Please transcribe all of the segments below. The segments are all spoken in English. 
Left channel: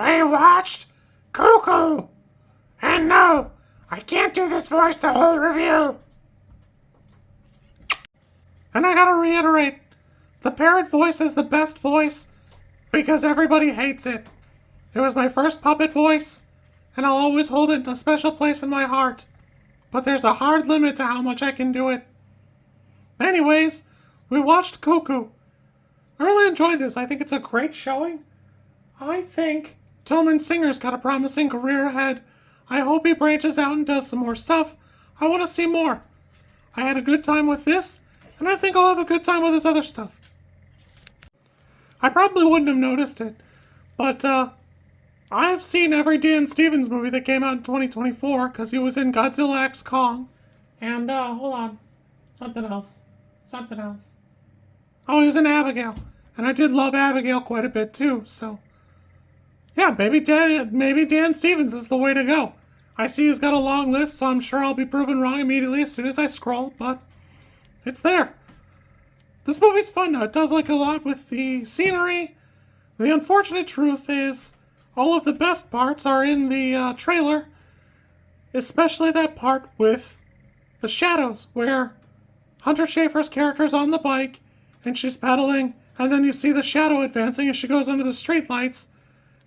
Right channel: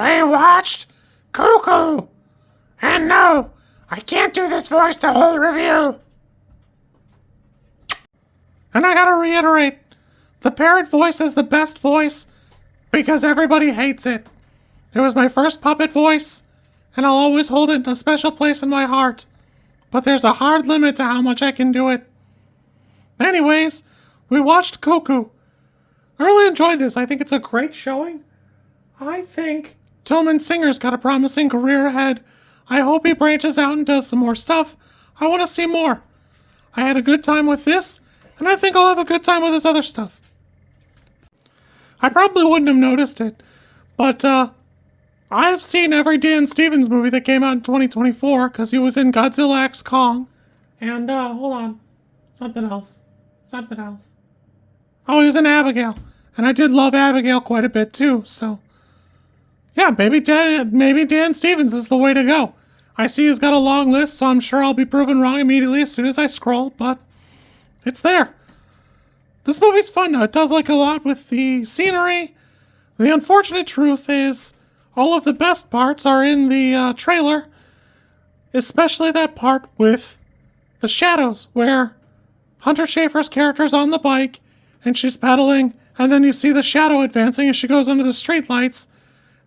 They watched Cuckoo. And no, I can't do this voice the whole review. And I gotta reiterate, the parrot voice is the best voice because everybody hates it. It was my first puppet voice, and I'll always hold it in a special place in my heart. But there's a hard limit to how much I can do it. Anyways, we watched Cuckoo. I really enjoyed this. I think it's a great showing. I think Tilman Singer's got a promising career ahead. I hope he branches out and does some more stuff. I want to see more. I had a good time with this, and I think I'll have a good time with his other stuff. I probably wouldn't have noticed it, but I've seen every Dan Stevens movie that came out in 2024 because he was in Godzilla x Kong. And, hold on. Something else. Oh, he was in Abigail. And I did love Abigail quite a bit too, so. Yeah, maybe Dan Stevens is the way to go. I see he's got a long list, so I'm sure I'll be proven wrong immediately as soon as I scroll, but it's there. This movie's fun now. It does like a lot with the scenery. The unfortunate truth is all of the best parts are in the trailer, especially that part with the shadows where Hunter Schafer's character's on the bike and she's pedaling, and then you see the shadow advancing as she goes under the streetlights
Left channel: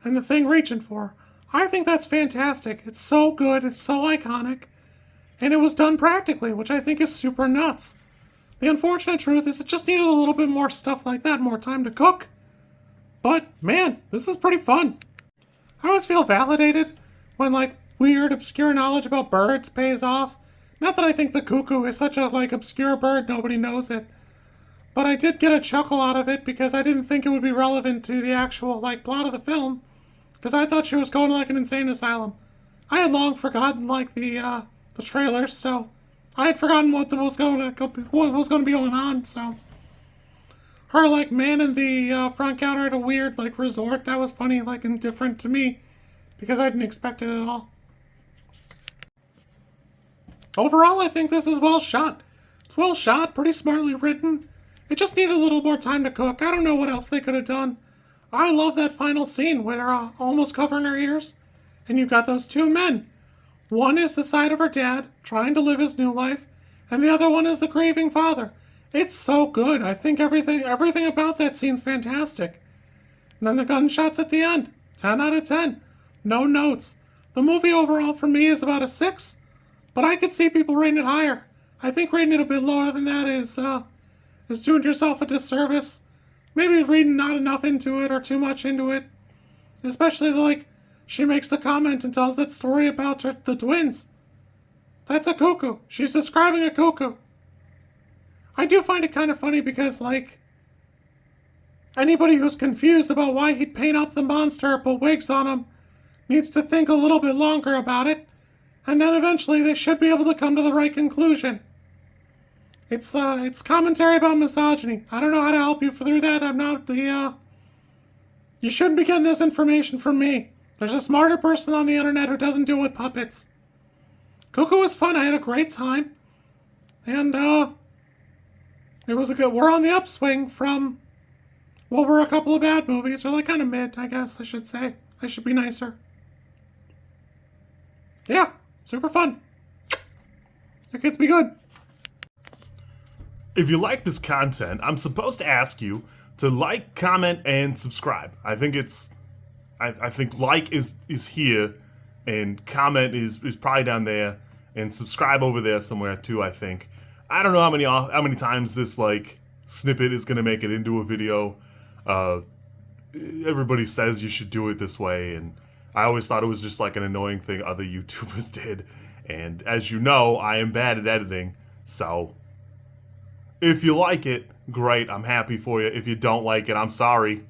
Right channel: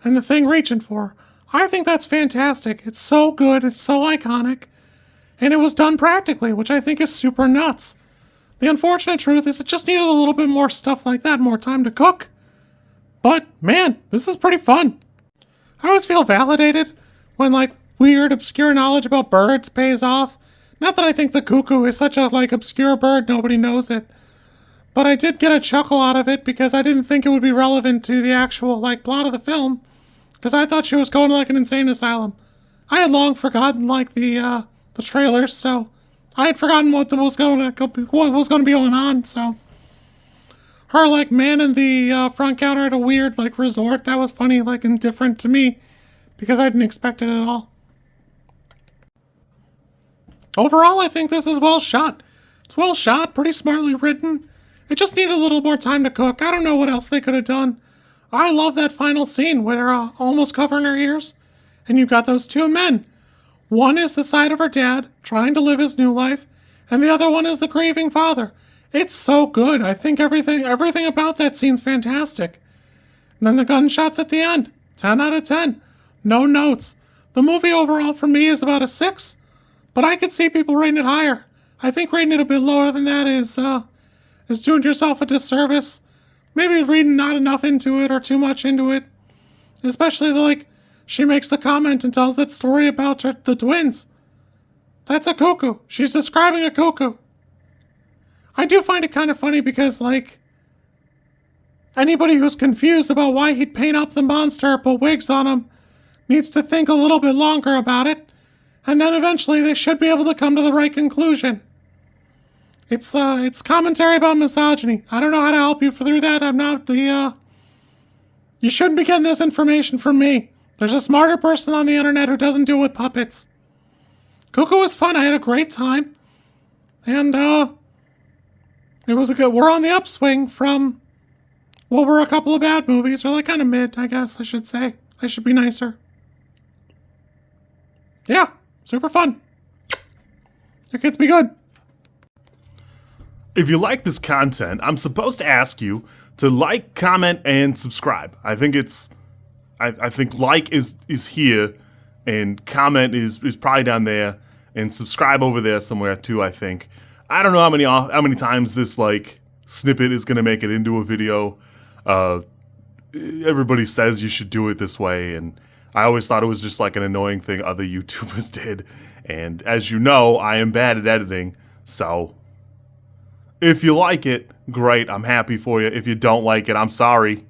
and the thing reaching for her. I think that's fantastic. It's so good, it's so iconic, and it was done practically, which I think is super nuts. The unfortunate truth is it just needed a little bit more stuff like that, more time to cook. But, man, this is pretty fun. I always feel validated when, like, weird, obscure knowledge about birds pays off. Not that I think the cuckoo is such a, like, obscure bird, nobody knows it. But I did get a chuckle out of it because I didn't think it would be relevant to the actual, like, plot of the film. Because I thought she was going to, like, an insane asylum. I had long forgotten, like, the trailers, so I had forgotten what was going to be going on, so. Her, like, manning the front counter at a weird, like, resort, that was funny, like, and different to me. Because I didn't expect it at all. Overall, I think this is well shot. It's well shot, pretty smartly written. It just needed a little more time to cook. I don't know what else they could have done. I love that final scene where almost covering her ears, and you got those two men. One is the side of her dad, trying to live his new life, and the other one is the grieving father. It's so good. I think everything about that scene's fantastic. And then the gunshots at the end. 10 out of 10. No notes. The movie overall for me is about a 6, but I could see people rating it higher. I think rating it a bit lower than that is doing yourself a disservice. Maybe reading not enough into it or too much into it. Especially like she makes the comment and tells that story about the twins. That's a cuckoo. She's describing a cuckoo. I do find it kind of funny because, like, anybody who's confused about why he'd paint up the monster or put wigs on him needs to think a little bit longer about it, and then eventually they should be able to come to the right conclusion. It's commentary about misogyny. I don't know how to help you through that. I'm not the, You shouldn't be getting this information from me. There's a smarter person on the internet who doesn't deal with puppets. Cuckoo was fun. I had a great time. And, it was we're on the upswing from what were a couple of bad movies, or like kind of mid, I guess I should say. I should be nicer. Yeah, super fun. It gets me good. If you like this content, I'm supposed to ask you to like, comment, and subscribe. I think I think like is here, and comment is probably down there, and subscribe over there somewhere too, I think. I don't know how many times this like snippet is gonna make it into a video. Everybody says you should do it this way, and I always thought it was just like an annoying thing other YouTubers did. And as you know, I am bad at editing, so if you like it, great, I'm happy for you. If you don't like it, I'm sorry.